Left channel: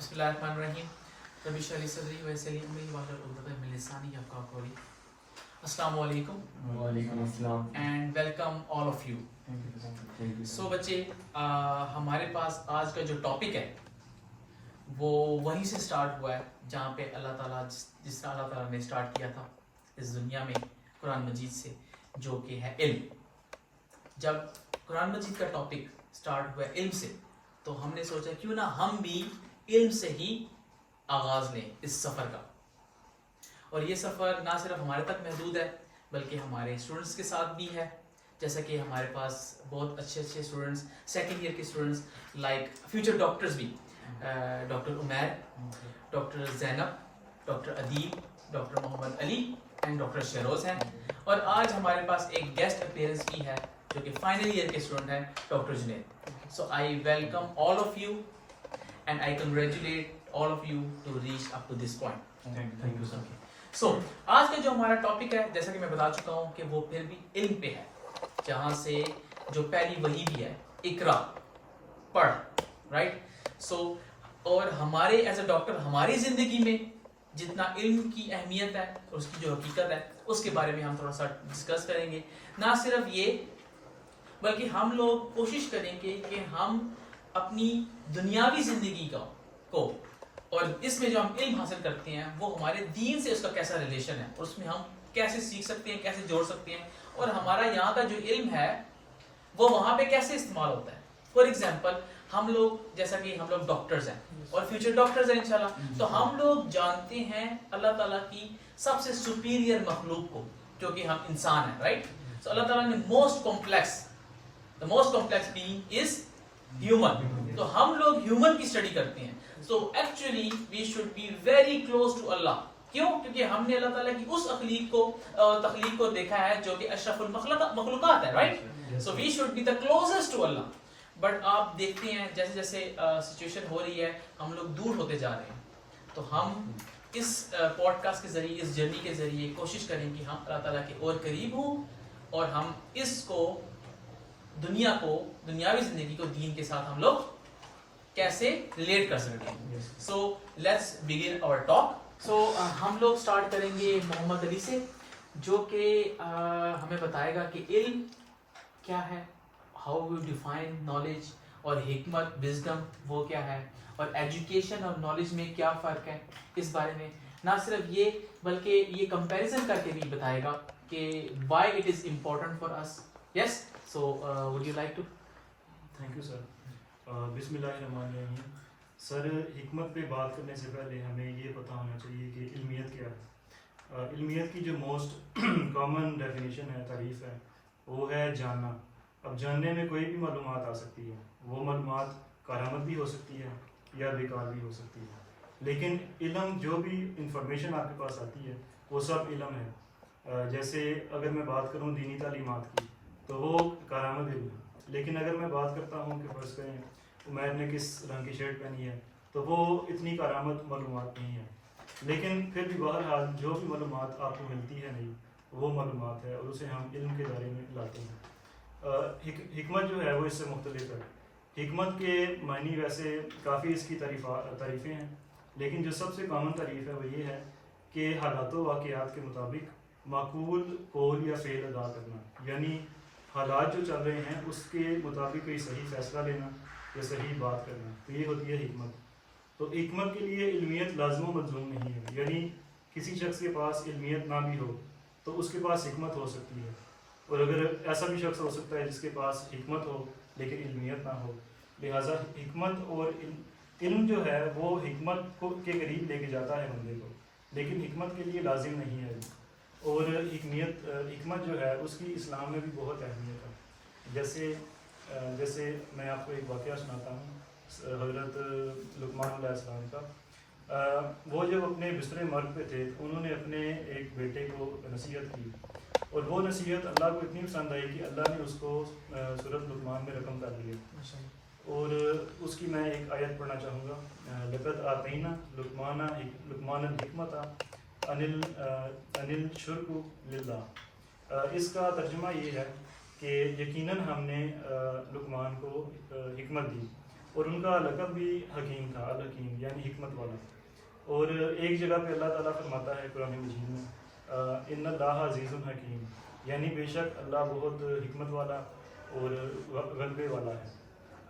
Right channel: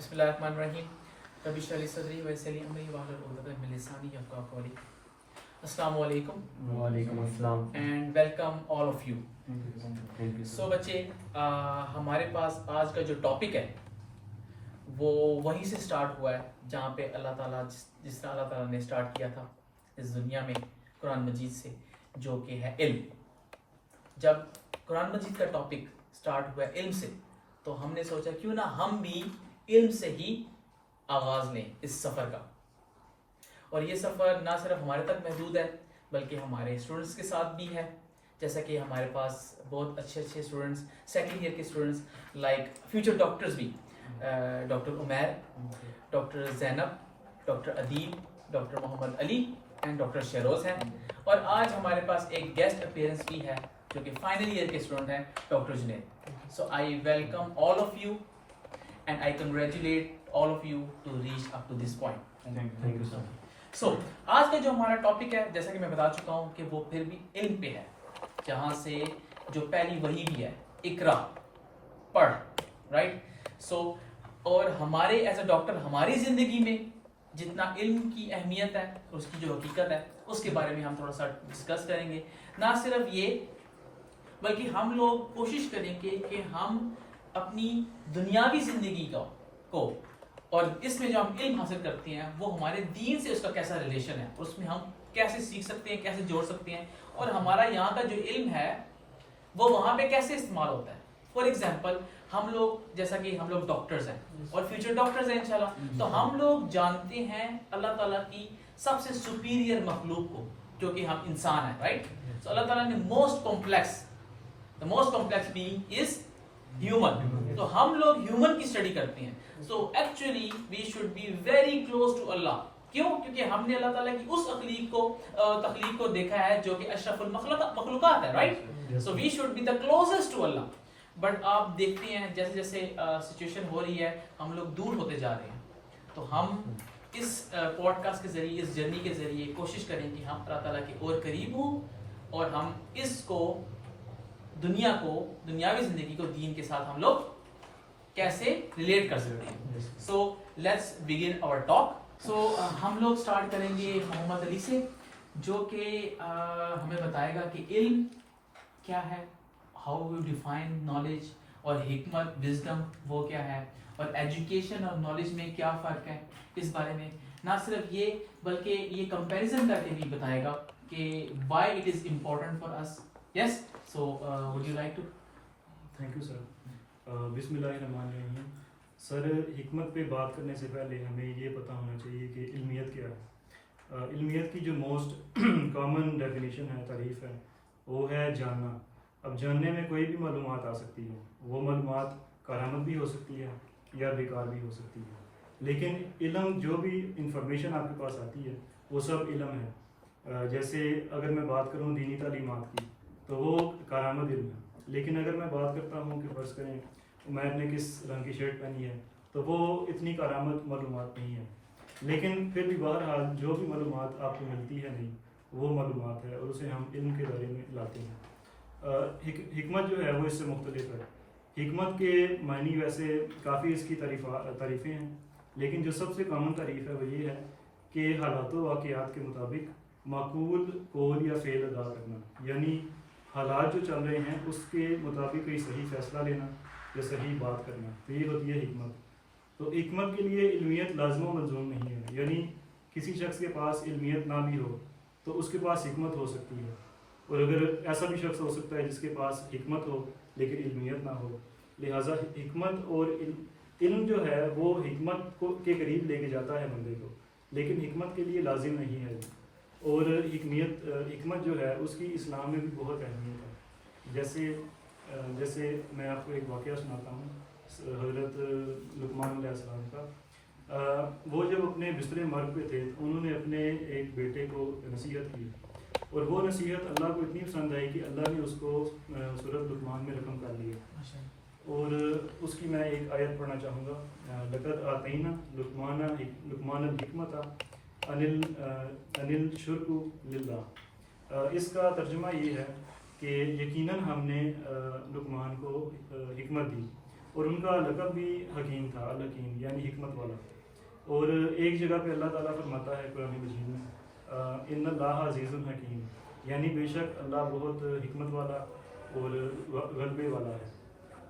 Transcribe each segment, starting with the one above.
بسم اللہ الرحمن الرحیم رب اشرح لی صدری ویسر لی امری واحلل عقدۃ من لسانی یفقہوا قولی. السلام علیکم. وعلیکم السلام. And welcome all of you. So بچے ہمارے پاس آج کا جو ٹاپک ہے وہ وہیں سے سٹارٹ ہوا ہے جہاں پہ اللہ تعالیٰ جس طرح اللہ تعالیٰ نے اسٹارٹ کیا تھا اس دنیا میں قرآن مجید سے، جو کہ ہے علم. جب قرآن مجید کا ٹاپک سٹارٹ ہوا ہے علم سے، تو ہم نے سوچا کیوں نہ ہم بھی علم سے ہی آغاز لیں اس سفر کا. اور یہ سفر نہ صرف ہمارے تک محدود ہے بلکہ ہمارے اسٹوڈنٹس کے ساتھ بھی ہے. جیسا کہ ہمارے پاس بہت اچھے اسٹوڈنٹس سیکنڈ ایئر کے اسٹوڈنٹس لائک فیوچر ڈاکٹرز بھی، doctor Umair, doctor Zainab, doctor Adeel, doctor Muhammad Ali and doctor Shahroz ہیں. اور آج ہمارے پاس ایک گیسٹ اپیئرنس بھی ہے جو کہ فائنل ایئر کے اسٹوڈنٹ ہیں، doctor Junaid. So I welcome all of you and I congratulate all of you to reach up to this point. Thank you sir. So آج کا جو ہمارا ٹاپک ہے، جیسا کہ میں بتا چکا ہوں کہ وہ پھر بھی علم پہ ہے، جہاں سے جو پہلی وحی بھی ہے اقرا، پڑھ، رائٹ. سو اور ہمارے ایز اے ڈاکٹر ہماری زندگی میں جتنا علم کی اہمیت ہے، اس کی جو حقیقت ہے، اس کے بارے میں ہم تھوڑا سا ڈسکس کریں گے. نہ صرف یہ بلکہ ہم لوگ کوشش کریں گے کہ ہم اپنی دنیاوی زندگی کو اور اس میں جو ہم علم حاصل کرتے ہیں وہ ہمارے دین سے اس کا کیسا ریلیشن ہے، اور اس میں ہم کیسے سیکھ سکتے ہیں، کیسے جوڑ سکتے ہیں، اور ہمارا یہاں کا جو علم ہے وہ وہاں پہ کیسے استعمال ہوتا ہے. فار ایگزامپل ہم لوگ جیسا کہ ہم لوگ ڈاکٹرز ہیں اور فیوچر ڈاکٹرز ہیں انشاءاللہ، تو ہم لوگ جانتے ہیں اللہ تعالیٰ کی سب سے سپیریئر مخلوق کو جو کہ ہم انسان ہیں، رائٹ. سو اللہ تعالیٰ نے the most complex being is human. تو ہم لوگ ہیومن کی اسٹڈی کرتے ہیں. So actually we should be very close to Allah. کیوں؟ کیونکہ ہم نے اللہ تعالیٰ کی اس تخلیق کو دیکھا ہے جو کہ اشرف المخلوقات ہے، right? So we should be the closest to Allah. But آپ دیکھتے ہیں جیسے جیسے سچویشن ہو رہی ہے ہم لوگ دور ہوتے جا رہے ہیں. تو ہم اس پوڈ کاسٹ کے ذریعے، اس جرنی کے ذریعے کوشش کریں کہ ہم اللہ تعالیٰ کے اور قریب ہوں اور ہم اس کو دنیاوی زندگی کو دین کے ساتھ ہم لوگ کیسے ریلیٹ کر سکتے ہیں. So let's begin our talk. سو ہم لوگ سٹارٹ کریں گے محمد علی سے، جو کہ ہمیں بتائے گا کہ علم کیا ہے، ہاؤ وی ڈیفائن نالج، اور حکمت، وزڈم وہ کیا ہے، اور ایجوکیشن اور نالج میں کیا فرق ہے. اس بارے میں نہ صرف یہ بلکہ یہ کمپیریزن کر کے بھی بتائے گا کہ why it is important for us. Yes, so would you like to? Thank you sir. بسم اللہ الرحمن الرحیم. سر حکمت پہ بات کرنے سے پہلے ہمیں یہ پتہ ہونا چاہیے کہ علمیت کیا ہے. علمیت کی جو موسٹ کامن ڈیفینیشن ہے، تعریف ہے، وہ ہے جاننا. اب جاننے میں کوئی بھی معلومات آ سکتی ہے، وہ معلومات کارآمد بھی ہو سکتی ہے یا بیکار بھی ہو سکتی ہے، لیکن علم جو بھی انفارمیشن آپ کے پاس آتی ہے وہ سب علم ہے. جیسے اگر میں بات کروں دینی تعلیمات کی تو وہ کارآمد علم ہے، لیکن اگر میں بات کرتا ہوں کہ فرض کریں عمیر نے کس رنگ کی شرٹ پہنی ہے تو وہ اتنی کارآمد معلومات نہیں ہے، لیکن پھر بھی بہرحال جو بھی معلومات آپ کو ملتی ہے نہیں وہ معلومات ہے اور اسے ہم علم کے دائرے میں لاتے ہیں. حکمت جو ہے وہ اس سے مختلف ہے. حکمت کے معنی ویسے کافی اس کی تعریفیں ہیں، لیکن جو سب سے کامن تعریف ہے وہ یہ ہے کہ حالات و واقعات کے مطابق معقول قول یا فعل ادا کرنا، یعنی حالات جو چل رہے ہیں اس کے مطابق کوئی صحیح فیصلہ لینا یا صحیح بات کرنا، تو یہ ہوتی ہے حکمت. تو حکمت کے لیے علمیت لازم و ملزوم نہیں ہے، یعنی کسی شخص کے پاس علمیت نہ بھی ہو تو اس کے پاس حکمت ہو سکتی ہے، اور اگر ایسا بھی شخص ہو سکتا ہے جس کے پاس حکمت ہو لیکن علمیت نہ ہو. لہٰذا حکمت اور علم جو ہے وہ حکمت کے قریب لے کے جاتا ہے بندے کو، لیکن حکمت کے لیے لازم نہیں ہے. اور حکمت جو ہے اس کی اسلام میں بھی بہت اہمیت ہے. جیسے میں آپ کو ایک واقعہ سناتا ہوں حضرت لقمان علیہ السلام کا. وہ جب اپنے بستر مرگ پہ تھے تو انہوں نے اپنے ایک بیٹے کو نصیحت کی، اور وہ نصیحت اللہ کو اتنی پسند آئی کہ اللہ نے اس کو سورۃ لقمان میں رقم کر لیا. اور اس کی میں ایک آیت پڑھنا چاہوں گا. لقد آتینا لقمان الحکمت انل شرک للہ. اس کا ترجمہ یہ ہے کہ یقیناً ہم نے لقمان کو حکمت دی. اور ان کا لقب بھی حکیم تھا، الحکیم یعنی حکمت والا. اور ایک جگہ پہ اللہ تعالیٰ فرماتا ہے قرآن مجید میں ان اللہ عزیز الحکیم، یعنی بے شک اللہ بہت حکمت والا اور غلبے والا ہے.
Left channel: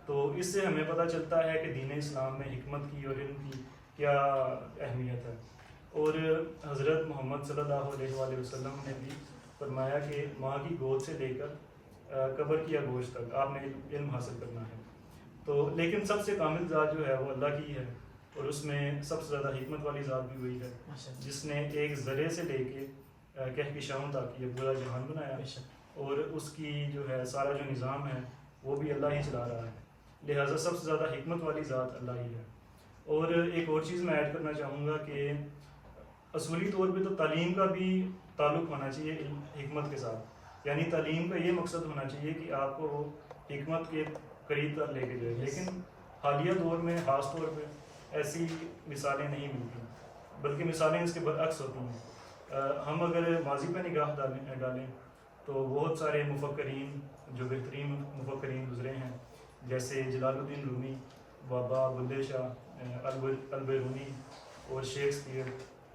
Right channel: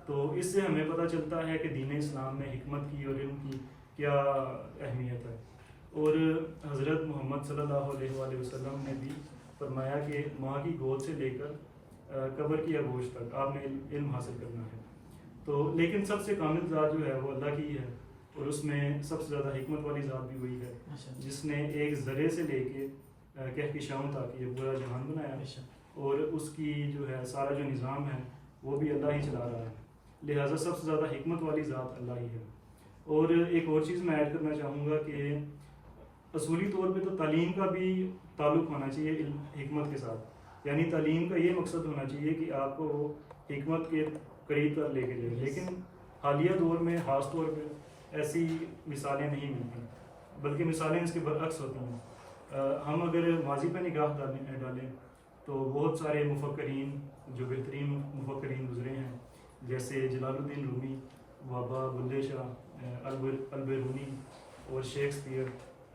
تو اس سے ہمیں پتہ چلتا ہے کہ دین اسلام میں حکمت کی اور علم کی کیا اہمیت ہے. اور حضرت محمد صلی اللہ علیہ وآلہ وسلم نے بھی فرمایا کہ ماں کی گود سے لے کر قبر کی آگوش تک آپ نے علم حاصل کرنا ہے. تو لیکن سب سے کامل ذات جو ہے وہ اللہ کی ہے، اور اس میں سب سے زیادہ حکمت والی ذات بھی وہی ہے جس نے ایک ذرے سے لے کے کہکشاؤں تک یہ پورا جہان بنایا، اور اس کی جو ہے سارا جو نظام ہے وہ بھی اللہ ہی چلا رہا ہے. لہٰذا سب سے زیادہ حکمت والی ذات اللہ ہی ہے. اور ایک اور چیز میں ایڈ کرنا چاہوں گا کہ اصولی طور پہ تو تعلیم کا بھی تعلق ہونا چاہیے علم حکمت کے ساتھ. یعنی تعلیم کا یہ مقصد ہونا چاہیے کہ آپ کو حکمت کے قریب تک لے کے جائے. لیکن حالیہ دور میں خاص طور پہ ایسی مثالیں نہیں ملتی، بلکہ مثالیں اس کے برعکس ہوتی ہیں. ہم اگر ماضی پہ نگاہ ڈالیں تو بہت سارے مفکرین جو بہترین مفکرین گزرے ہیں، جیسے جلال الدین رومی، بابا بلے شاہ، البیرونی اور شیکسپیئر،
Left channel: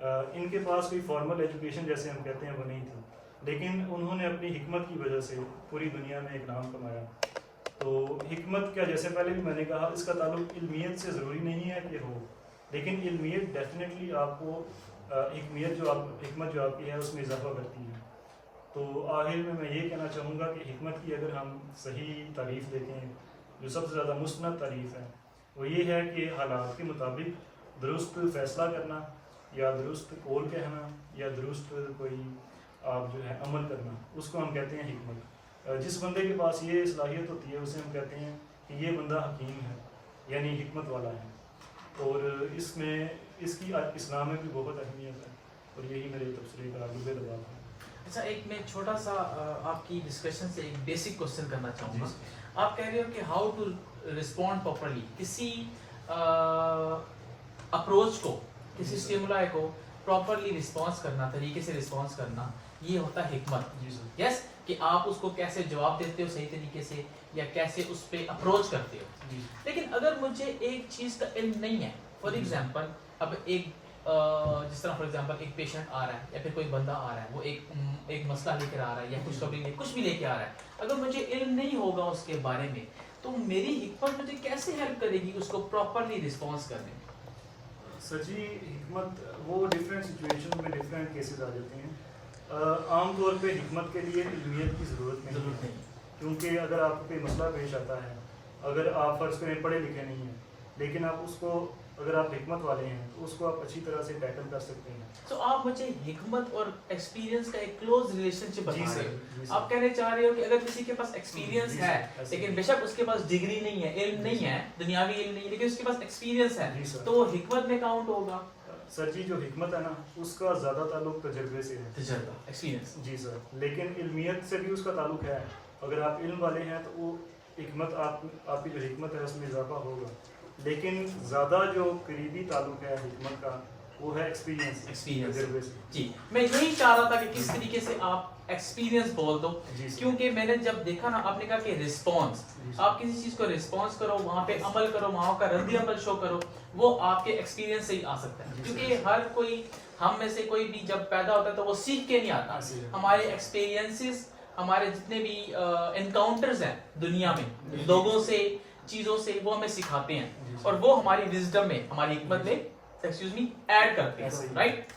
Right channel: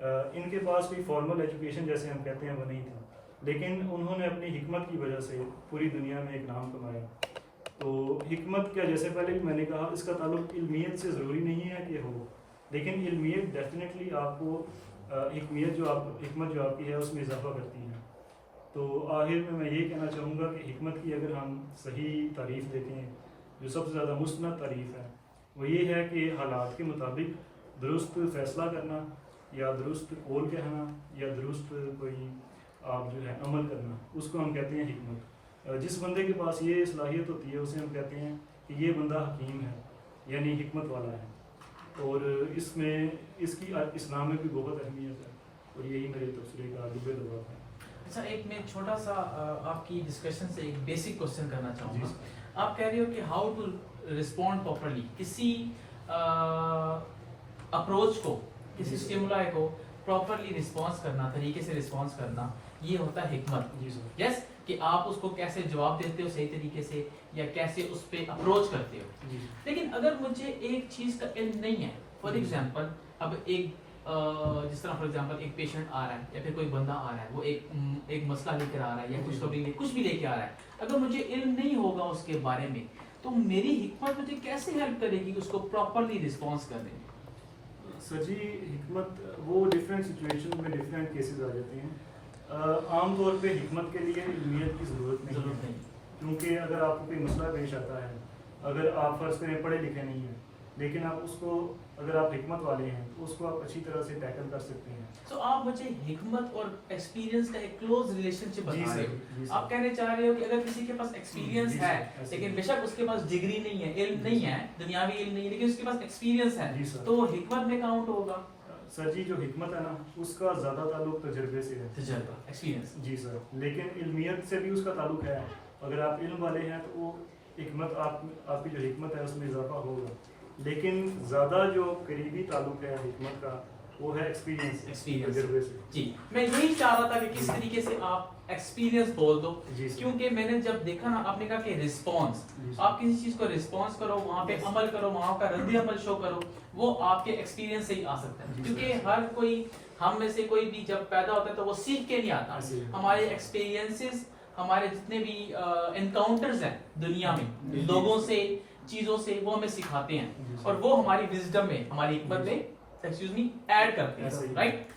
ان کے پاس کوئی فارمل ایجوکیشن جیسے ہم کہتے ہیں وہ نہیں تھی، لیکن انہوں نے اپنی حکمت کی وجہ سے پوری دنیا میں ایک نام کمایا. تو حکمت کیا، جیسے پہلے بھی میں نے کہا، اس کا تعلق علمیت سے ضروری نہیں ہے کہ ہو، لیکن علمیت ڈیفینیٹلی آپ کو حکمت جو آپ کی ہے اس میں اضافہ کرتی ہے. تو آخر میں یہ کہنا چاہوں گا کہ حکمت کی اگر ہم صحیح تعریف دیکھیں، جو سب سے زیادہ مستند تعریف ہے وہ یہ ہے کہ حالات کے مطابق درست فیصلہ کرنا، یا درست قول کہنا، یا درست کوئی آپ جو ہے عمل کرنا، اس کو ہم کہتے ہیں حکمت. جس بندے کے پاس یہ صلاحیت ہوتی ہے اسے ہم کہتے ہیں کہ یہ بندہ حکیم ہے، یعنی حکمت والا ہے. اور اس میں اس کی اسلام میں بھی بہت اہمیت ہے، اور یہی میرے تبصرے کا لب لباب ہے. اچھا، ایک میں چھوٹا سا آپ کی ڈسکشن سے ایک بیسک کوشچن کرنا چاہوں گا. آپ کہہ رہے ہو کہ ہاؤ ٹو رسپونڈ پراپرلی، کسی اپروچ کو، کسی اسٹیمولائی کو پراپرلی رسپانس کرنا، طریقے سے رسپانس کرنا، یہ ہوتا ہے حکمت. جی سر. یس، کہ آپ اس کو کیسے جواب دیتے ہو صحیح طریقے سے، یا کیسے اس پہ اپروچ کرتے ہو. جی. لیکن اگر مجھے ایک چیز کا علم نہیں ہے، فار ایگزامپل اب ایک جس طرح فار ایگزامپل ایک پیشنٹ آ رہا ہے یا پھر کوئی بندہ آ رہا ہے، وہ ایک مسئلہ لے کر آ رہا ہے یا کچھ بھی لے کے آ رہا ہے، اگر مجھے علم نہیں ہوگا اس کے بارے میں تو میری حکمت مجھے کیسے ہیلپ کرے گی اس کو پراپرلی رسپانس کرنے میں؟ سر جی، حکمت وہ ڈفرینٹ سچویشن میں ڈفرینٹ کیسز آ جاتے ہیں. عام طور پہ حکمت کے لیے علمیت کی ضرورت نہیں ہے، کیونکہ اگر آپ کو کوئی مسئلہ پیش آتا ہے، اگر آپ فرض کریں پڑھے لکھے نہیں ہیں، لیکن آپ اس کو، اگر آپ حکمت والے ہیں تو اس کو آپ اچھی طرح سے ٹیکل کر سکتے ہیں. تو آپ مجھے حکمت اور ایکسپیرینس کا ایک کلوز ریلیشن شپ بتا رہے ہو. جی آپ کہنے چاہ رہے ہو کہ اگر کسی کے پاس ایکسپیرینس ہے لیکن بے شک اس کے پاس ڈگری نہیں ہے، علم نہیں ہے، دنیاوی علم نہیں، لیکن اس کے پاس ایکسپیرینس ہے، تو وہ حکمت میں کاؤنٹ ہوگا. سر جی، جو حکمت ہے نا اس کا زیادہ تعلق تجربے سے ہے. تجربہ، ایکسپیرینس. جی سر. لیکن علمیت سے بھی اس کا تعلق ہے. اگر آپ علم والے ہیں تو وہ حکمت، آپ کی جو حکمت ہے اس میں اضافہ ہوگا. لیکن زیادہ جو قریبی تعلق ہے حکمت کا وہ ہے ایکسپیرینس، تجربے سے. جی، میں یہی چاہ رہا تھا کہ کس طریقے سے آپ ایکسپیرینس بول دو، کیونکہ میں نے جب دیکھا نا، آپ نے کہا کہ رسپانس، آپ کسی چیز کو رسپانس کرو، وہاں پہ عمل کرو، وہاں کا رد عمل شو کرو، وہ آپ کے ایکسپیرینس سے ہی آ سکتا ہے. کیونکہ ہر کوئی، ہم میں سے کوئی بھی جب پیدا ہوتا ہے تو وہ سیکھ کے نہیں آتا. ہمارے ایکسپیرینسز، ہمارے جتنے بھی انکاؤنٹرز ہیں دنیا میں لوگوں سے، چیزوں سے، وہ ہمیں سکھاتے ہیں، اور وہ ہماری وزڈم میں، ہماری حکمت میں ایڈ کرتے ہیں. رائٹ.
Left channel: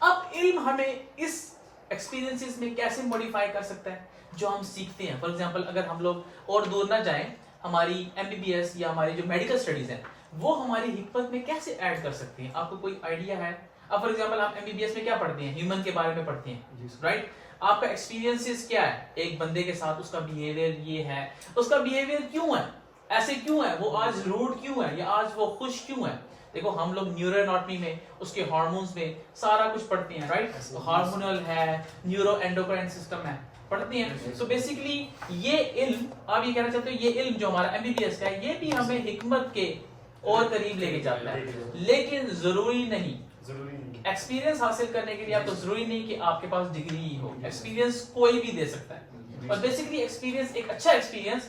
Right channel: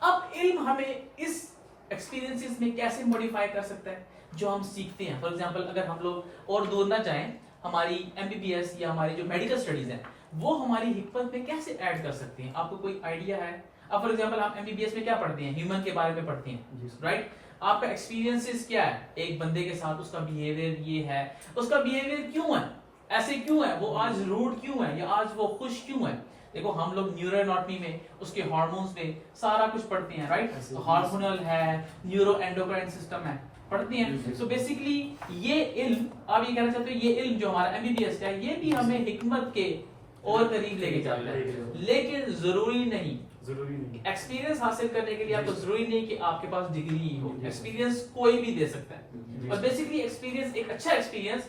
اب علم ہمیں اس ایکسپیرینسز میں کیسے موڈیفائی کر سکتا ہے جو ہم سیکھتے ہیں. فار ایگزامپل اگر ہم لوگ اور دور نہ جائیں، ہماری MBBS یا ہمارے جو میڈیکل اسٹڈیز ہیں وہ ہماری حکمت میں کیسے ایڈ کر سکتے ہیں؟ آپ کو کوئی آئیڈیا ہے؟ اب فار ایگزامپل آپ MBBS میں کیا پڑھتے ہیں؟ ہیومن کے بارے میں پڑھتے ہیں، رائٹ. آپ کا ایکسپیرینسز کیا ہے ایک بندے کے ساتھ، اس کا بیہیویئر یہ ہے، اس کا بیہیویئر کیوں ہے ایسے، کیوں ہے وہ آج روڈ، کیوں ہے یا آج وہ خوش کیوں ہے. دیکھو ہم لوگ نیورو اناٹمی میں، اس کے ہارمونز میں سارا کچھ پڑھتے ہیں، رائٹ. ہارمونل ہے، نیورو اینڈوکرائن سسٹم ہے، پڑھتے ہیں. سو بیسیکلی یہ علم، آپ یہ کہنا چاہتے ہو یہ علم جو ہمارا MBBS کا ہے یہ بھی ہمیں حکمت کے اور قریب لے کے جاتا ہے. لیکن ضروری نہیں ایکسپیرینس حاصل کرنے کے لیے آپ کو ضروری نہیں کہ آپ کے پاس ڈگری ہی ہو. ایکسپیرینس کوئی بھی دے سکتا ہے. اور بیسیکلی ایکسپیرینس، ایک اچھا ایکسپیرینس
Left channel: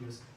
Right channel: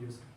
Yes.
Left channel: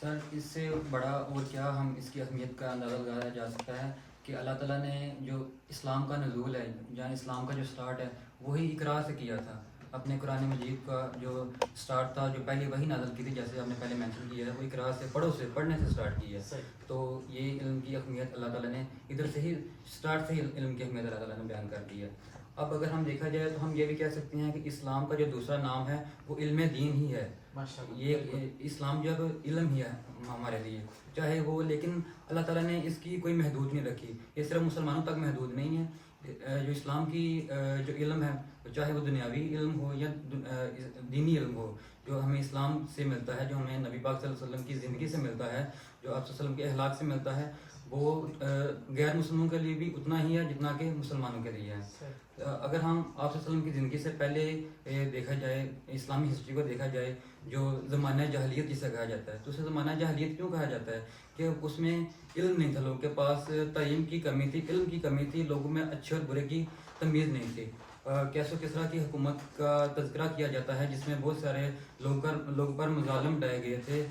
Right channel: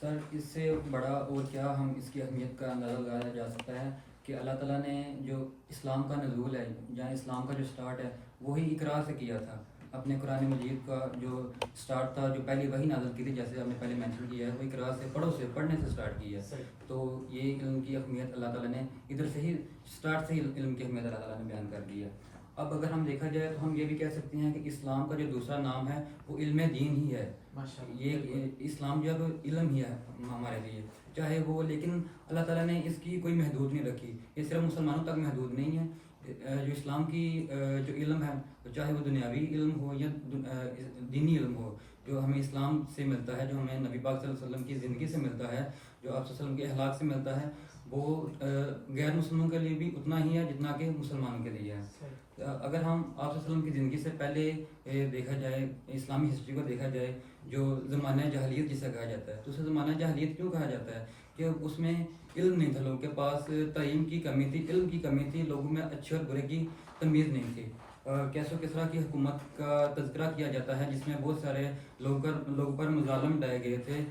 سر اس سے بڑا اور کیا ہم اس کی اہمیت کا اندازہ لگایا جا سکتا ہے کہ اللہ تعالیٰ نے جو اسلام کا نزول ہے، جہاں اسلام کا جو سٹارٹ ہے وہی اقرا سے کیا تھا. اپنے قرآن مجید کا جو سٹارٹ تھا، جو پہلے وہی نازل کی تھی، جیسے آپ نے پہلے مینشن کیا ہے، وہ اقرا سے پڑھنے سے سٹارٹ کی ہے. تو یہ علم کی اہمیت اللہ تعالیٰ نے ادھر سے ہی سٹارٹ سے ہی علم کی اہمیت اللہ تعالیٰ نے بیان کر دی ہے. اب اگر ہم دیکھا جائے تو ہم یہ بھی کہہ سکتے ہیں کہ اسلام کا جو دوسرا نام ہے وہ علم دین ہی ہے. یہ اسلام جو ہے علم ہی ہے ہمارے لیے، چاہے وہ، لیکن اللہ تعالیٰ نے اس کی کوئی محدود نہیں رکھی. یہ صرف مسلمانوں تک محدود نہیں ہے. جو اسلام کی جو علم ہے، چاہے وہ دنیاوی علم ہو یا دینی علم ہو، جو ہمیں اسلام سے ملتا ہے، جو ہمیں نبی پاک صلی اللہ علیہ وسلم کی زندگی سے ملتا ہے، جو آپ صلی اللہ علیہ وسلم کے اخلاق سے ملتا ہے، وہ غیر مسلموں کے لیے بھی اتنا ہی ہے جتنا کہ مسلمانوں کے لیے ہے. اگر ہم آپ صلی اللہ علیہ وسلم کی زندگی سے پہلے دیکھا جائے، اسلامی ہسٹری کو دیکھا جائے، جو زمانہ جاہلیت جسے کہا جاتا ہے، تو اسے زمانہ جاہلیت کیوں کہا جاتا ہے؟ کہ اس میں علم نہیں تھا، لوگوں کے پاس تعلیم کی کمی تھی، علم کی کمی تھی، لوگوں میں اچھے اور برے کی تمیز نہیں تھی. کیسو کسرا کی حکومت کا تذکرہ کیا جاتا ہے، جس میں بہت سارے لوگوں پر مظالم ڈائے گئے تھے،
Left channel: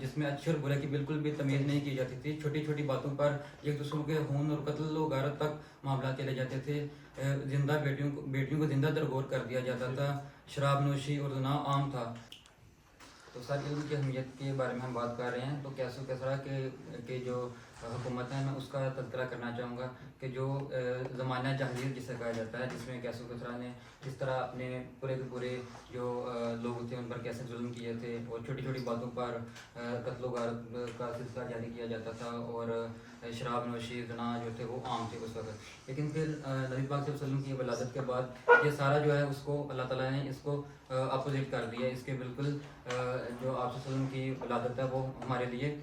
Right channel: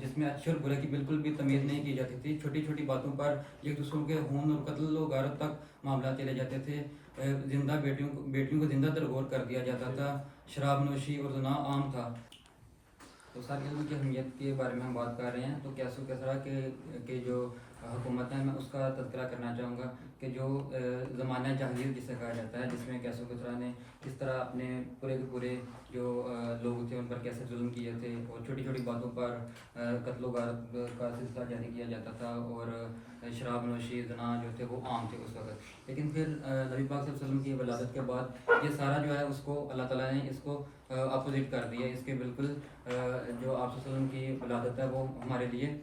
جس میں اچھے اور برے کی بالکل بھی تمیز نہیں کی جاتی تھی. چھوٹی چھوٹی باتوں پر ایک دوسروں کے خون اور قتل و غارت تک معاملات چلے جاتے تھے. زندہ بیٹیوں کو زندہ درگور کر دیا جاتا تھا. شراب نوشی اور زنا عام تھا. تو سر علم کی اہمیت کے بارے میں ہم بات کر رہے ہیں، تو کیسو کسرا کے جو حکومت ہے، میں اس کا تذکرہ کرنا چاہوں گا کہ جو زمانہ جاہلیت جسے کہا جاتا ہے، جس میں کیسو کسرا نے کس طرح اپنے پورے کے پورے جو لوگ تھے ان پر کیسے ظلم کیے تھے، اور چھوٹی چھوٹی باتوں پر قتل و غارت کا سلسلہ جاری کیا جاتا تھا، اور شراب نوشی زنا جو تھے وہ عام تھے اس وقت. لیکن پھر نبی پاک صلی اللہ علیہ وسلم کی ولادت کے بعد یہ سارا جو ہے اس کو اللہ تعالیٰ نے اس کو اپوزٹ کر دیا. اس کے بالکل جو آپ صلی اللہ علیہ وسلم کی ولادت ہے وہ ہمارے لیے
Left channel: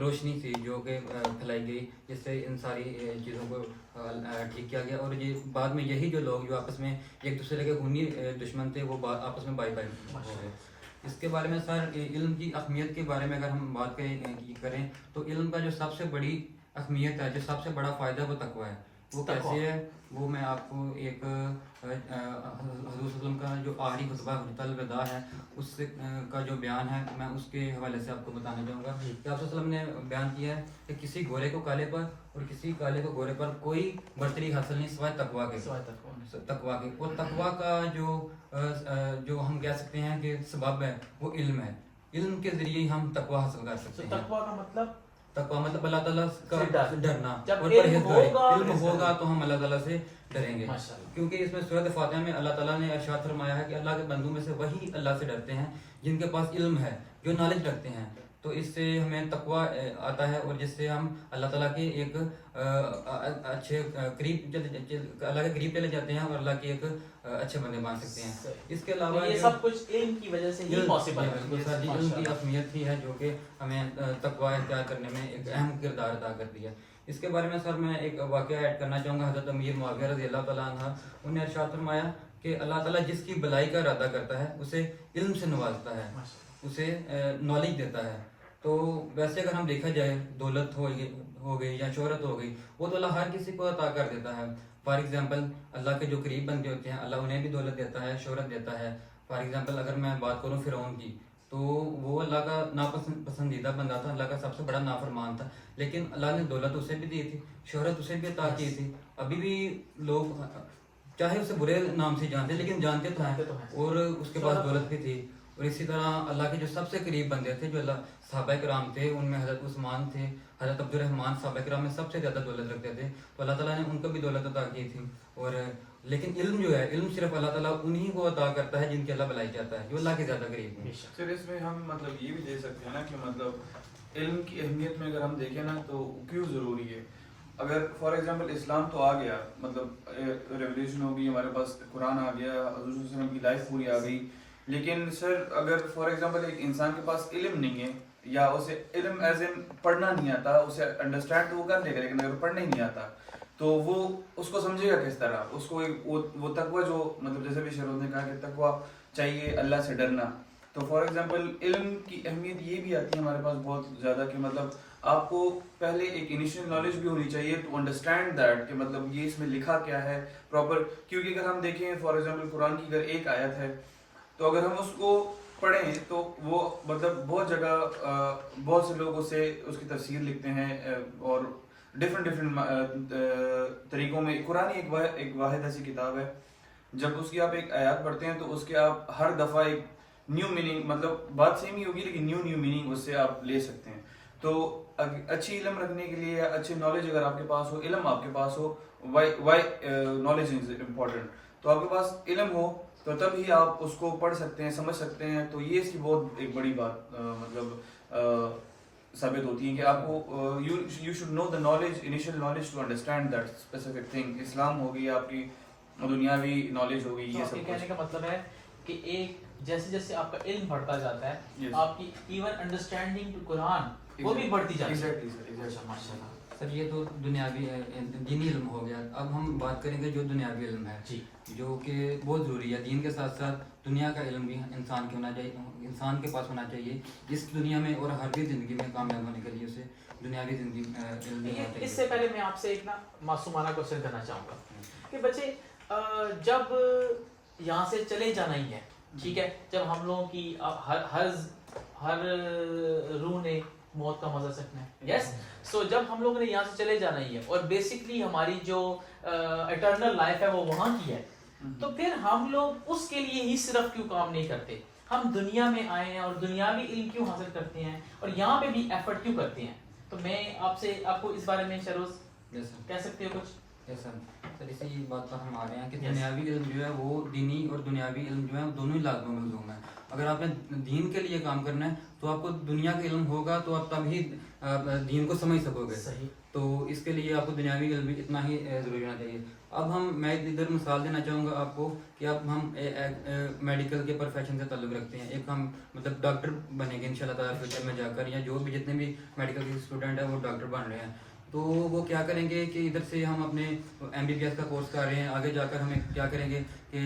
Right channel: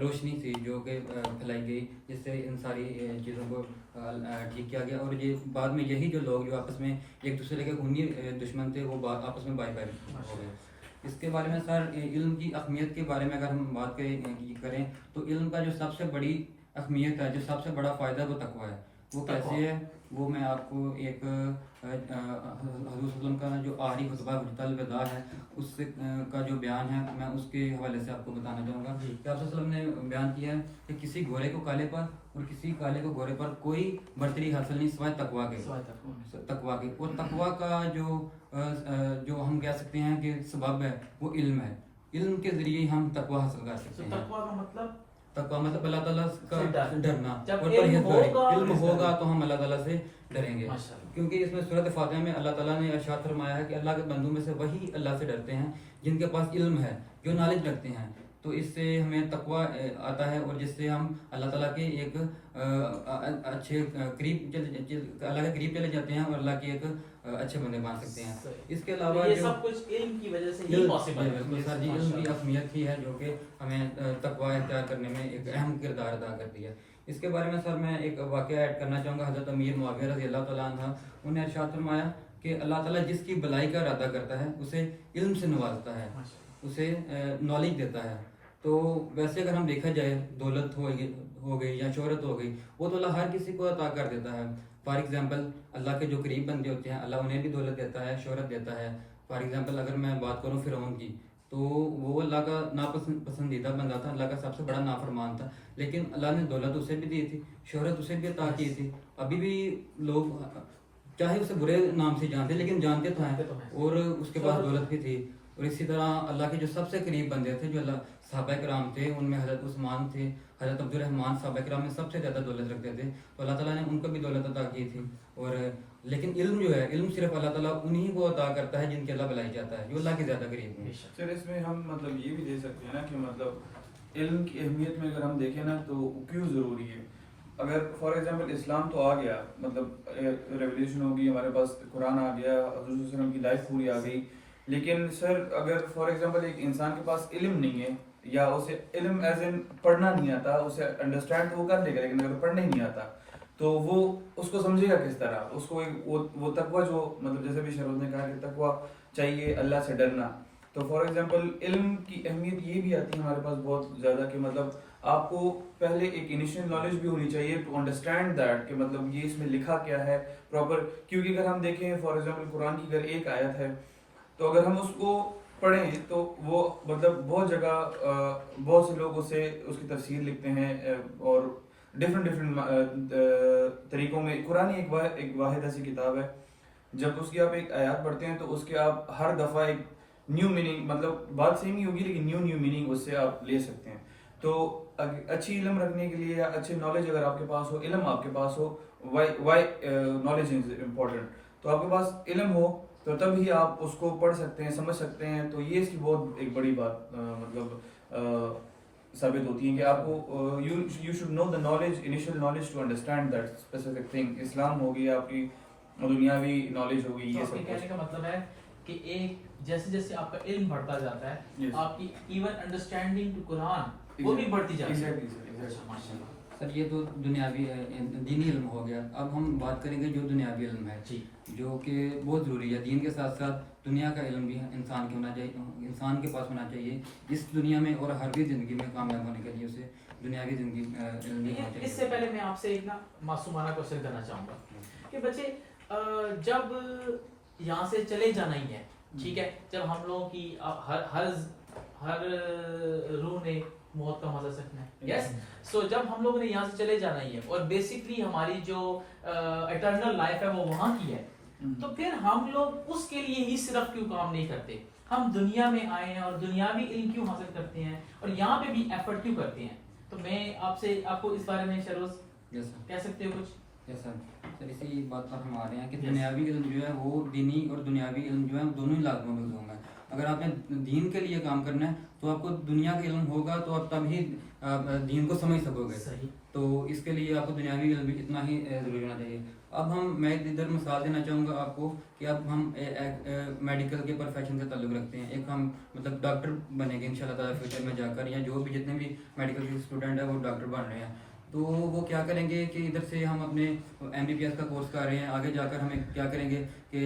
روشنی تھی جو کہ پھیلائی گئی، جس سے ان ساری چیزوں کو ٹھیک کیا گیا. اور یہ بعد میں یہی جو لوگ جو آپس میں ایک دوسرے کے خونی دشمن تھے، وہ آپس میں بائی ہو گئے. اس کے بارے میں سر علم کی اہمیت کے بارے میں اگر ہم بات کریں تو علم کا جو سب سے بڑی اہمیت ہے، جو سب سے بڑا فائدہ وہ تقویٰ ہے. وہ کیسے ہے؟ وہ میں آپ کو ایک حضور صلی اللہ علیہ وسلم کا جو آخری خطبہ حجۃ الوداع ہے، اس کا جو بیان ہے، میں اس کے حوالے سے آپ کو بتانا چاہوں گا کہ آپ صلی اللہ علیہ وسلم نے بیان کیا ہے کہ کسی گورے کو کالے پر اور کسی کالے کو گورے پر کوئی برتری حاصل نہیں سوائے تقویٰ کے. اور تقویٰ کا جو ہم کہہ سکتے ہیں کہ سبب ہے وہ علم ہے. علم کے ذریعے ہی ہم تقویٰ حاصل کر سکتے ہیں. تقویٰ کا مطلب اللہ تعالیٰ کا ڈرنا. جب اور علم ہوگا تو ہم اللہ تعالیٰ سے ڈریں گے. کیونکہ اس میں سورۃ فاتحہ میں اللہ تعالیٰ نے ارشاد فرمایا ہے کہ اللہ کے بندوں میں سے وہی اللہ سے ڈرتے ہیں جن کے پاس علم ہے، جو نالج رکھتے ہیں. تو اس سے ہمیں تقویٰ آتا ہے، اور جس سے ہم اللہ تعالیٰ کے ایک اچھے قریب اللہ کے قریب چلے جاتے ہیں، اور اللہ کے ایک اچھے بندے بن سکتے ہیں. اس کے علاوہ یہ سب کچھ علم کی وجہ سے ہی پاسبل ہے. علم کی اہمیت ہی ہے جو کہ ہمیں تقویٰ اختیار کرنے میں ایک اہم کردار ادا کرتی ہے. اس کے بارے میں سر میں ایک واقعہ ایڈ کرنا چاہوں گا. حضرت امیر معاویہ رضی اللہ تعالیٰ عنہ انہوں نے ارشاد فرمایا کہ اللہ تعالیٰ جس کی بھلائی کا ارادہ کرتا ہے اسے علم سے نوازتا ہے، اسے نالج دیتا ہے. تو ویسے اگر ہم دیکھا جائے، دولت ہو گئی یا شہرت ہو گئی، وہ تو اللہ ہر کسی کو عطا کر دیتا ہے. فار ایگزامپل اللہ کے جو قریب بندے ہوتے ہیں، اللہ انہیں بھی دولت دیتا ہے، شہرت دیتا ہے. فار ایگزامپل اگر میں بات کروں فرعون کی، تو وہ اللہ کا ناپسندیدہ بندہ تھا، اللہ کا سب سے بڑا نافرمان تھا، لیکن اللہ نے دولت اسے بھی دی تھی، شہرت اسے بھی عطا کی تھی. ابھی بھی لوگ چاہے اسے برے نام سے جانتے لیکن جانتے تو ہیں، اور اس کے پاس دولت بھی تھی. اور اسی طرح اللہ کے جو سب سے قریب بندے تھے، جو اللہ صحابہ کرام تھے، ان میں حضرت عثمان تھے، حضرت عبد الرحمن صحابہ کرام میں سب سے زیادہ دولت رکھتے تھے. تو اللہ تعالیٰ نے ان کو بھی دولت عطا کی تھی. اور لیکن علم جو ہے، علم صرف اللہ تعالیٰ انہی کو عطا کرتا ہے جن کے اللہ بلائی چاہتا ہے، جو اللہ کے زیادہ قریب ہوں. سر اس میں ہم مطلب یہ بھی دے سکتے ہیں نا کہ مطلب علم کی اہمیت میں اگر ہم دیکھیں نا تو کیوں ضروری ہے. اگر فار ایگزامپل اسلام تو آ گیا، مطلب ریولیوشن ہو گئی، ہمارے پاس قرآن آ گیا، حضور صلی اللہ علیہ وسلم کی لائف پوری آ گئی، لیکن سر اگر فار ایگزامپل ایک انسان کے پاس علم نہیں ہے، یا اسے علم ایز ان پڑھنا نہیں آتا، اسے انڈرسٹینڈ تو وہ کر لے گا، لیکن اگر پڑھنا ہی نہیں آتا تو وہ اس کو سمجھے گا کس طرح؟ اس کو وہ تقویٰ جو مطلب جیسے بھی شروع نے کہا کہ تقویٰ چاہیے، اللہ سے ڈرنا. تو فار ایگزامپل علم کی اہمیت یہ بھی آتی ہے ہمارے پاس بہت زیادہ کہ مطلب آپ کو پہلے ایک انیشیل نالج بھی ہونی چاہیے ٹو انڈرسٹینڈ دیٹ کہ مطلب یہ اس میں لکھا کیا ہے پراپر. کیونکہ اگر ہم دیکھیں فار ایگزامپل قرآن کی اگر ایک آیت ہے تو اگر ہم اس کو پڑھیں تو وہ مطلب بہت جگہ بہت سے لوگ اسے اس کی تفسیر لکھتے ہیں اور ڈفرینٹ طریقوں میں. قرآن ایک واحد ایسی کتاب ہے جب اس کی آپ ایک آیات پڑھتے ہیں تو اس کے آپ ہر دفعہ ایک نیو میننگ, مطلب بات سیم ہی ہوگی لیکن نیو میننگ اس سے آپ لے سکتے ہیں. تو اچھی علم رکھنے کے لیے یا اچھی نالج اگر آپ کے پاس ہو, علم آپ کے پاس ہو, وائی نالج از امپورٹنٹ, تو آپ کے پاس علم ہو تو تب ہی آپ اس کو پڑھ سکتے ہیں, سمجھ سکتے ہیں. تو یہ اس کی بہت ایک بڑی بات مطلب ثابت ہوتی ہے کہ آپ کو you should know the knowledge, initial knowledge to understand that specific thing. اسلام ہوگی, آپ کی دنیاوی نالج ہوگی, یہ سب کہنے کا مطلب ہے کہ ایک جیسے جیسے آپ کا علم بڑھتا جاتا ہے آپ کی ایون انڈرسٹینڈنگ ٹو قرآن وہ بھی بڑھتی جاتی ہے. ماشاءاللہ سر یہ تو دنیاوی دینی علم ہو گیا. اب ہم بات کریں گے جو دنیاوی علم ہے جی, جو کہ بہت ضروری ہے. دین کے ساتھ ساتھ دنیا کا علم بھی انسان کے ہونا چاہیے, انسان کے پاس ہونا چاہیے اس دنیا میں اور ہر بھی زندگی میں کامیاب ہونے کے لیے اسے دنیاوی زندگی علم ہونا چاہیے. اس سے پہلے میں آپ سے ایک نا معصومانہ کوشچن کرنا چاہوں گا کہ بچے جب یہاں سے چلے جانا ہی ہے, ٹھیک ہے, جب ہم لوگوں کی ہر روح نے موت کا مزہ سکنا ہے, یس, سو جب ہم لوگوں نے یہاں سے چلے جانا ہی ہے اور بیسکلی ہماری جو اٹرنل لائف ہے وہ وہاں کی ہے, تو پھر ہم لوگ اس کے لیے ہی صرف کیوں کام نہیں کرتے؟ ہم دنیا میں آئے ہیں اور دنیاوی علم کیوں حاصل کرتے ہیں اور یہاں پہ بھی ایفرٹ کیوں کرتے ہیں؟ تو میں آپ کو اس بارے میں شروز کہہ سکتے ہو کچھ؟ سر اسی بات پر ہم آ رہے ہیں کہ دنیاوی علم جو ہے وہ دینی اور دنیاوی علم جو ہے دونوں ہی لازمی موضوع ہیں. اگر آپ نے دین کے لیے کام کرنا ہے تو آپ کو دنیا کا علم ہوگا تو آپ تب ہی دین کو سمجھ سکو گے. صحیح. تو اس کے لیے آپ کو دنیاوی علم بھی اتنا ہی ضروری ہونا چاہیے. اب میں ادھر مثال دینا چاہوں گا آپ کو کہ اب ہم میڈیکل کے پروفیشن سے تعلق رکھتے ہیں. ایک ہم مطلب ڈاکٹر بنے گے انشاءاللہ تعالیٰ فیوچر میں جا کر, یا جو بھی جتنے بھی میڈیکل کے اسٹوڈنٹ ہیں وہ ڈاکٹر بن رہے ہیں. تو وہ کیا کریں گے کہ ادھر سے ہم اپنے MBBS کا کورس کر رہے ہیں, آگے جا کر ہمیں کیا کریں گے کہ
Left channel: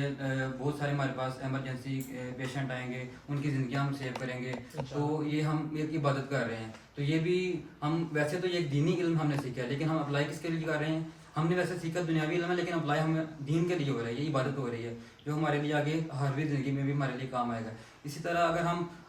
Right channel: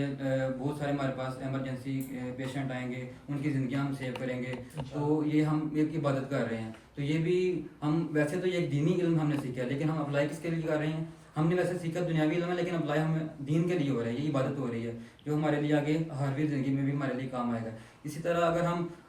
بہت سارے ہمارے پاس ایمرجنسی پیشنٹ آئیں گے, ان کی زندگیاں ہم سیو کریں گے. تو یہ ہم ایک عبادت کر رہے ہیں. تو یہ بھی ہم ویسے تو یہ ایک دینی علم ہم نے سیکھا ہے, لیکن ہم اپلائی کس کے لیے کر رہے ہیں؟ ہم نے ویسے سیکھا دنیاوی علم ہے, لیکن اپلائی ہم دین کے لیے ہو رہا ہے, یہ عبادت ہو رہی ہے جو ہمارے لیے آگے ہر بھی زندگی میں بھی ہمارے لیے کام آئے گا. اسی طرح اگر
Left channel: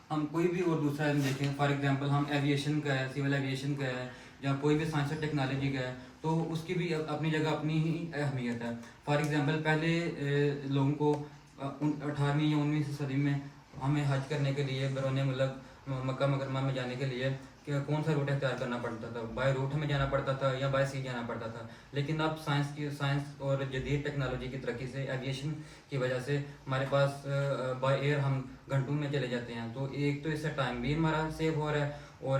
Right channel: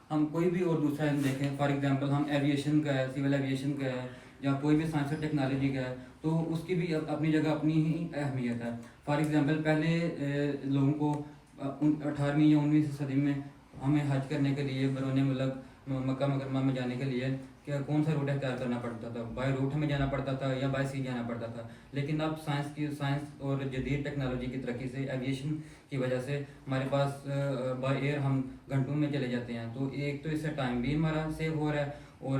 ہم کوئی بھی اور دوسرا علم دیکھیں, فار ایگزامپل ہم ایویشن کا ہے, سول ایویشن کا ہے, یا کوئی بھی سائنس اور ٹیکنالوجی کا ہے, تو اس کی بھی اپنی جگہ اپنی ہی اہمیت ہے. فار ایگزامپل پہلے لوگوں کو 18ویں یا 19ویں صدی میں ہمیں حج کرنے کے لیے بیرون ملک مکہ مکرمہ میں جانے کے لیے کون سا روٹ اختیار کرنا پڑتا تھا؟ بائی روٹ ہمیں جانا پڑتا تھا یا بائی سی جانا پڑتا تھا. لیکن اب سائنس اور جدید ٹیکنالوجی کی ترقی سے, ایویشن کی وجہ سے ہمارے پاس بائی ایئر ہم گھنٹوں میں چلے جاتے ہیں. تو ایک تو اس سے ٹائم بھی ہمارا سیو ہو رہا ہے, اور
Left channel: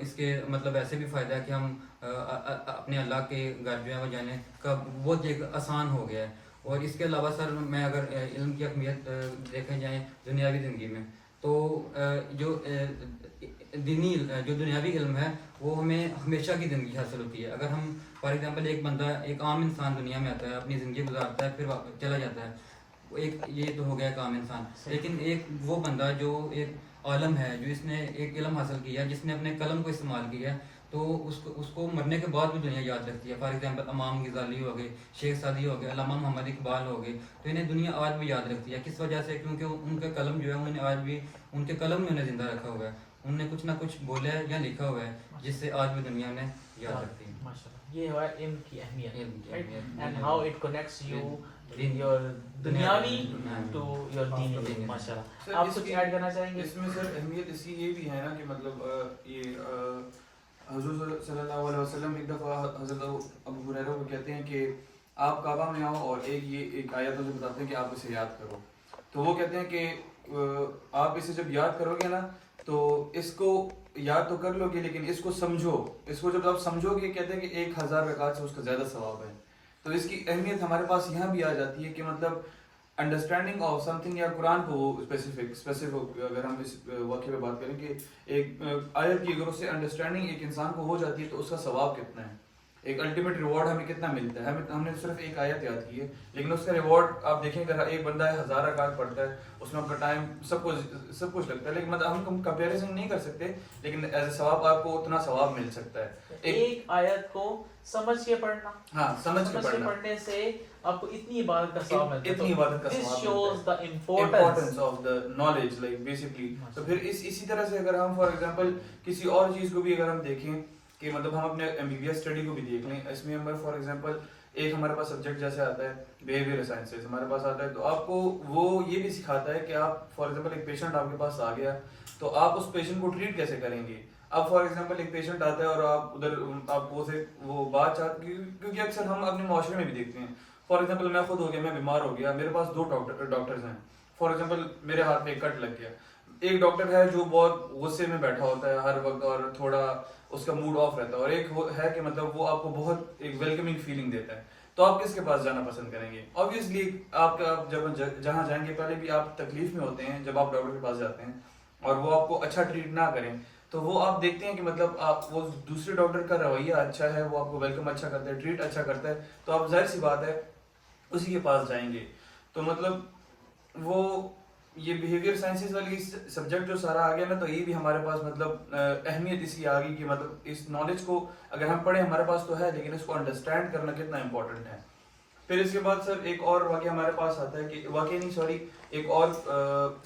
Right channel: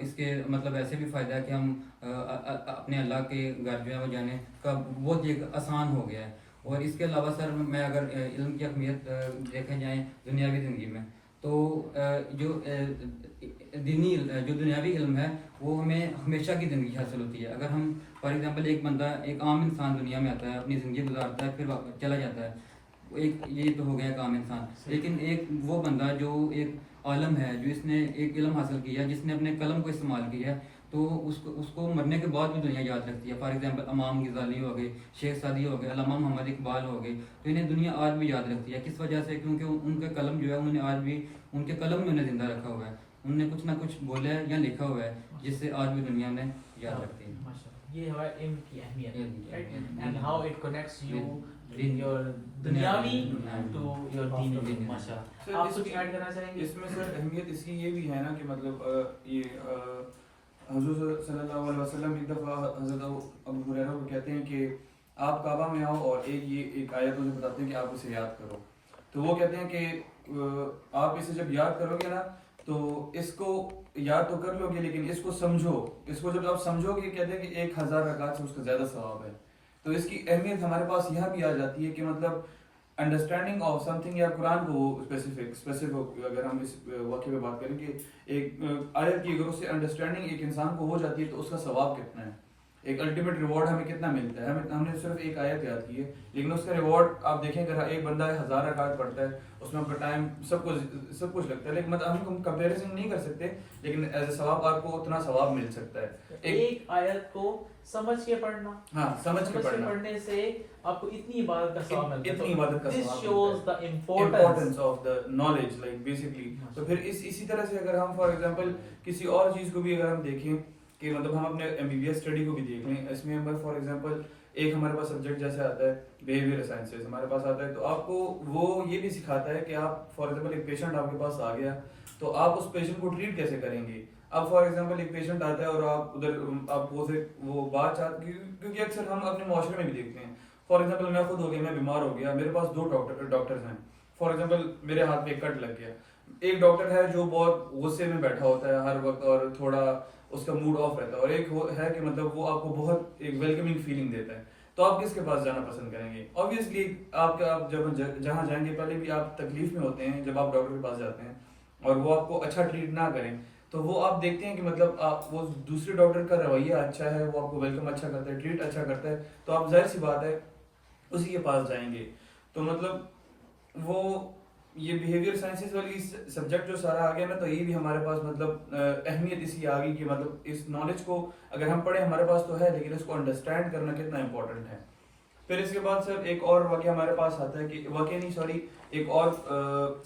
اس کے مطلب ایسے بھی فائدہ ہے کہ ہم اپنے اللہ کے گھر جو ہے وہ جانے کا بہت ایک آسان ہو گیا ہے. اور اس کے علاوہ سر میں اگر علم کی اہمیت دیکھے جائیں دنیاوی زندگی میں, تو جو دنیاوی علم ہے وہ ہمیں ہمیشہ کی زندگی حاصل ہوتی ہے. اگر ہم فار ایگزامپل ایک بندہ, ایک عام انسان دنیا میں آتا ہے, اپنی زندگی گزارتا ہے, پھر واپس چلا جاتا ہے, یہ تو ہو گیا ایک عام انسان. لیکن ایک وہ بندہ جو ایک عالم ہے, جو اس نے ایک علم حاصل کیا, جس نے اپنے قلم کو استعمال کیا, تو اس کو مرنے کے بعد بھی دنیا یاد رکھتی ہے. فار ایگزامپل امام غزالی ہو گئے, شیخ سعدی ہو گئے, علامہ محمد اقبال ہو گئے, تو انہیں دنیا آج بھی یاد رکھتی ہے. کس وجہ سے؟ کیونکہ ان کے قلم جو ہے انہوں نے آج بھی, ان کے قلم میں انہیں زندہ رکھا ہوا ہے, انہوں نے کچھ نہ کچھ بولا ہے یا لکھا ہوا ہے جس سے آج بھی دنیا میں یاد رکھتی ہے. یہ ہے علم کی اہمیت, and how it connects you in your دنیاوی ٹو یور دین. ماشاءاللہ. آپ کچھ ایڈ کرنا چاہیں گے اس میں سر؟ اہمیت اس کی یہ بھی ہے نا کہ مطلب یہ حضور صلی اللہ علیہ وسلم ایک دفعہ حضرت ابو ہریرہ کو کہتے ہیں کہ آپ کعبہ میں آؤ اور ایک آیت مجھے بتاتے ہیں کہ آپ اسے یاد کرو. تو وہ کہتے ہیں کہ آپ اسے جب یاد کرو گے نا تو اس کو یاد تو کر لو گے, لیکن اس کو سمجھو. اس کو جب آپ سمجھو گے, کہتے ہیں کہ 1000 رکعت سے اس کا زیادہ ثواب ہے. تو اس کی اہمیت ہمارے پاس یہاں بھی آ جاتی ہے کہ مطلب انڈرسٹینڈنگ آف سم تھنگ, یا قرآن کو اسپیسیفک اگر ہم اس واقعے پہ بات کریں کہ ایک آیت کی اگر اس سے انڈرسٹینڈنگ ایک انسان کو ہو جاتی ہے تو اس کا ثواب کتنا ہے. ایک الٹیمیٹ ریوارڈ ہمیں کتنا ملتا ہے. ہم نے صرف ایک آیت یاد کی ہے لیکن اس کا ریوارڈ آپ دیکھیں اگر ایک بندہ 1000 رکعت پڑھتا ہے اس میں آپ کا ٹائم سب کچھ لگتا ہے لیکن مطلب ہم کمپیریزن نہیں کر سکتے لیکن ایز اے ثواب آپ کو اتنا ثواب مل سکتا ہے. ایک آیت کو سمجھ کے پڑھنا, ہاں سمجھ کے پڑھنا, پڑھنے سے آپ کو اتنی عبادت کا ثواب ملتا ہے. اتنی عبادت کا This ثواب shows ملتا the ہے. importance of the knowledge like basically. تو پھر اسی طرح سے اگر ہم فار ایگزامپل کسی اور چیز کو بھی اگر ہم دیکھیں کہ مطلب ہم اپنے MBBS اسٹڈی کو بھی دیکھ لیں, اس میں ہمارے فار ایگزامپل ایک ہمارے پاس سبجیکٹ جیسے آتا ہے بیہیویئر سائنسز ہمارے پاس آتا ہے, تو آپ کو وہ یہ بھی سکھاتا ہے کہ آپ فار ایگزامپل ایک پیشنٹ آپ کے پاس آ گیا تو آپ اس پیشنٹ کو ٹریٹ کیسے کریں گے. اب فار ایگزامپل ایک پیشنٹ آتا ہے اور آپ ادھر آپ وہ بات چاہتے, کیونکہ اکثر ہم اپنے معاشرے میں بھی دیکھتے ہیں. فار ایگزامپل میں خود ہو گیا, میں بیمار ہو گیا, میرے پاس 2 ڈاکٹرز ہیں. فار ایگزامپل میرے ہاتھ میں ایک کٹ لگ گیا, ایک ڈاکٹر ہے جو بہت غصے میں بیٹھا ہوتا ہے ہر وقت اور تھوڑا اس کا موڈ آف رہتا ہے, اور ایک ہے کہ مطلب وہ آپ کو بہت ایک ویلکمنگ فیلنگ دیتا ہے. تو آپ کس کے پاس جانا پسند کریں گے؟ آبویسلی آپ جب جہاں جائیں گے پہلے بھی آپ تکلیف میں ہوتے ہیں جب آپ ڈاکٹر کے پاس جاتے ہیں اور وہ آپ کو اچھا ٹریٹ نہ کریں تو وہ آپ دیکھتے ہیں کہ مطلب آپ وہ دوسرے ڈاکٹر کا رویہ اچھا ہے, وہ آپ کو ویلکم اچھا کرتا ہے, ٹریٹ اچھا کرتا ہے, تو آپ ظاہر سی بات ہے اسی کے پاس جائیں گے. تو مطلب وہ یہ بیہیویئر سائنسز والی سبجیکٹ جو سارا آ گیا نا, تو یہ بھی ہمارے پاس مطلب اہمیت اسی آ گئی کہ مطلب اس نالج کو اگر ہم پڑھیں ہمارے پاس تو ہے لیکن اس کو انڈرسٹینڈ کرنا کتنا امپورٹنٹ ہے. پھر اس کے بعد سر ایک اور واقعہ ہمارے پاس آتا ہے کہ واقعہ نہیں سوری ایک اور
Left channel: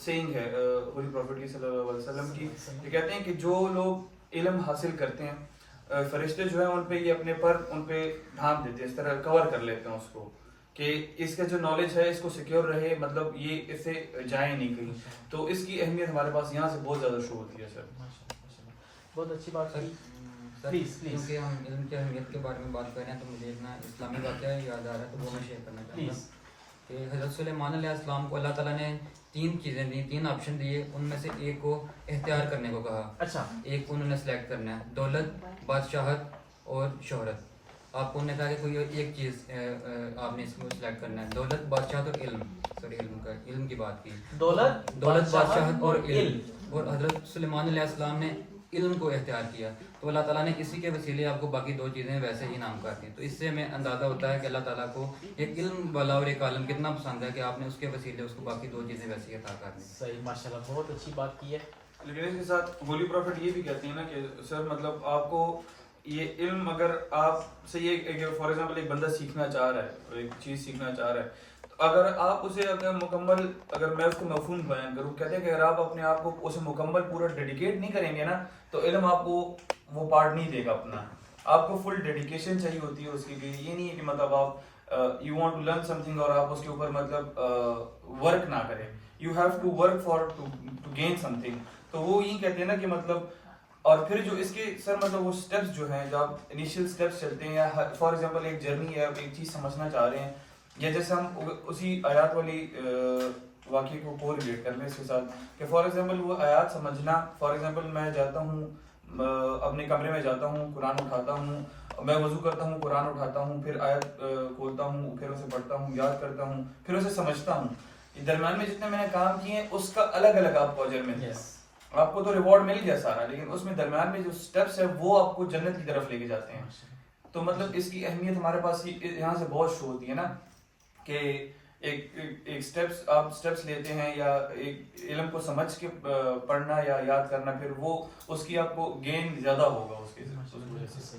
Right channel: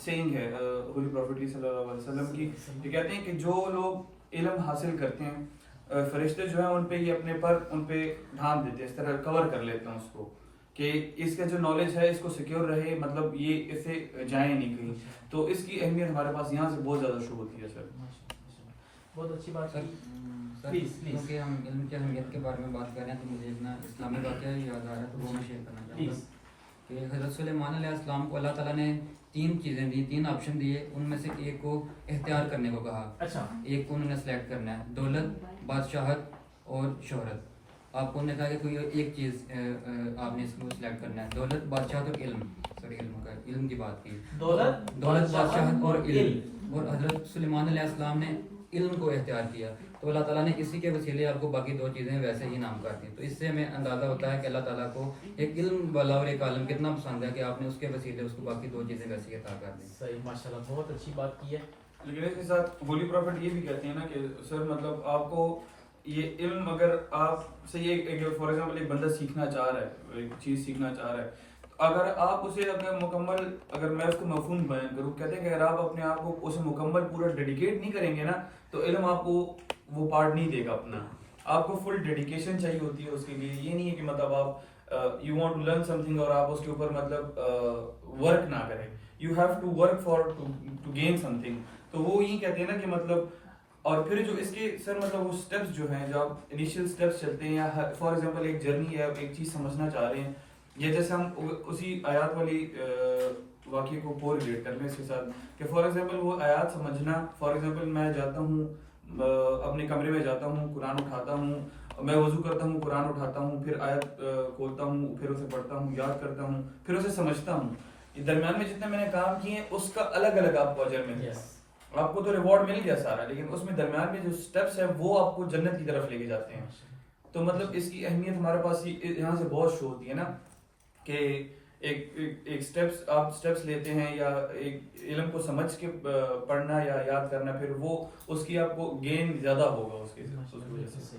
سینگ ہے ہولی پروفٹ کی صلی اللہ علیہ وسلم کی, جو کہتے ہیں کہ جو لوگ علم حاصل کرتے ہیں فرشتے جو ہیں ان پہ یہ اپنے پر ان پہ ڈھانپ دیتے ہیں, اس طرح کور کر لیتے ہیں اس کو کہ اس کا جو نالج ہے اس کو سیکیور رہے, مطلب یہ اس سے جائیں نہیں کہیں. تو اس کی اہمیت ہمارے پاس یہاں سے بہت زیادہ شو ہوتی ہے سر. بہت اچھی بات سر ہے. سر کیونکہ ہم علم کی اہمیت کے بارے میں بات کر رہے ہیں تو مجھے ایک نا اسلامی واقعہ یاد آ رہا ہے تو وہ میں شیئر کرنا چاہوں گا کہ حضرت سلیمان علیہ السلام کو اللہ تعالیٰ نے 3 چیزیں دی, 3 آپشن دیے, ان میں سے ایک کو اختیار کرنے کو کہا. اچھا, ایک کو انہوں نے سلیکٹ کرنا ہے, دولت, بادشاہت اور شہرت. آپ کو انہوں نے کہا کہ کوئی ایک چیز آپ نے اس کو سلیکٹ کرنا ہے, دولت, بادشاہت اور علم. سوری علم کی بات کی, دولت, بادشاہت اور علم. اور حضرت سلیمان علیہ السلام نے علم کو اختیار کیا تو اللہ تعالیٰ نے اسی کے وسیلے آپ کو باقی 2 چیزیں ویسے ہی نام کر دیں. تو اس سے ہمیں اندازہ ہوتا ہے کہ اللہ تعالیٰ کو ایک علم والا اور ایک عالم کتنا پسند ہے کہ آپ نے اس کے وسیلے اس کو باقی 2 چیزیں ویسے عطا کر دیں. صحیح, ماشاءاللہ, بہت اچھی بات کی ہے. لیکن اس کے ساتھ ہولی پروفٹ یہ بھی کہتے ہیں نا کہ سر مطلب آپ کو یہ علم اگر آپ سے یہ فار ایگزامپل ایک بندہ سیکھنا چاہ رہا ہے, ایک چیز سیکھنا چاہ رہا ہے, اگر آپ اسے اگر مکمل اگر میں اس کو مفہوم بیان کروں, کہتے ہیں کہ اگر آپ اپنے آپ کو اسے مکمل پورا ڈیڈیکیٹ نہیں کریں گے نا تو علم آپ کو وہ پارٹ نہیں دے گا اپنا. آپ کو فل ڈیڈیکیشن چاہیے ہوتی ہے اس کے لیے. یہ نہیں ہے کہ مطلب آپ you want to learn something اور آپ اس کے اوپر مطلب ورک نہ کریں. You have to work for to gain something. تو وہ یہی کہتے ہیں نا کہ مطلب اور پھر جو اس کے سر مطلب وہ اسٹیپس جو ہیں جو آپ انیشیل اسٹیپس چلتے ہیں یا فار ایگزامپل ایک جرنی ہے, ایک چیز سمجھنا چاہ رہے ہیں, یا جیسے ہم اسی آیات والی واقعے کو کو ریلیٹ کر لیں اس کے ساتھ کہ فار ایگزامپل وہ آیات سمجھنا, فار ایگزامپل میں جاتا ہوں اپنے کمرے میں جاتا ہوں, قرآن اٹھاتا ہوں, میں وضو کرتا ہوں, قرآن اٹھاتا ہوں, پھر آیت کھولتا ہوں, پھر اسے پڑھتا ہوں, یاد کرتا ہوں, پھر اسے سمجھتا ہوں. درمیان میں جتنے میں نے کام کیے ہیں اس کا الگ الگ آپ کو اجر مل جائے. آپ کو تو ریوارڈ مل گیا سارا, لیکن اس میں درمیان میں جو اسٹیپس ہیں وہ آپ کو جنت کی طرف لے کے جاتے ہیں. تو مطلب اس کی اہمیت ہمارے پاس یہاں سے بہت شو ہوتی ہے نا کہ ایک اسٹیپس آپ اسٹیپس لیتے ہیں یا ایک علم کو سمجھ کے پڑھنا یا یاد کرنا, پھر وہ اس کی آپ کو گین زیادہ ہوگا اس کی وجہ سے.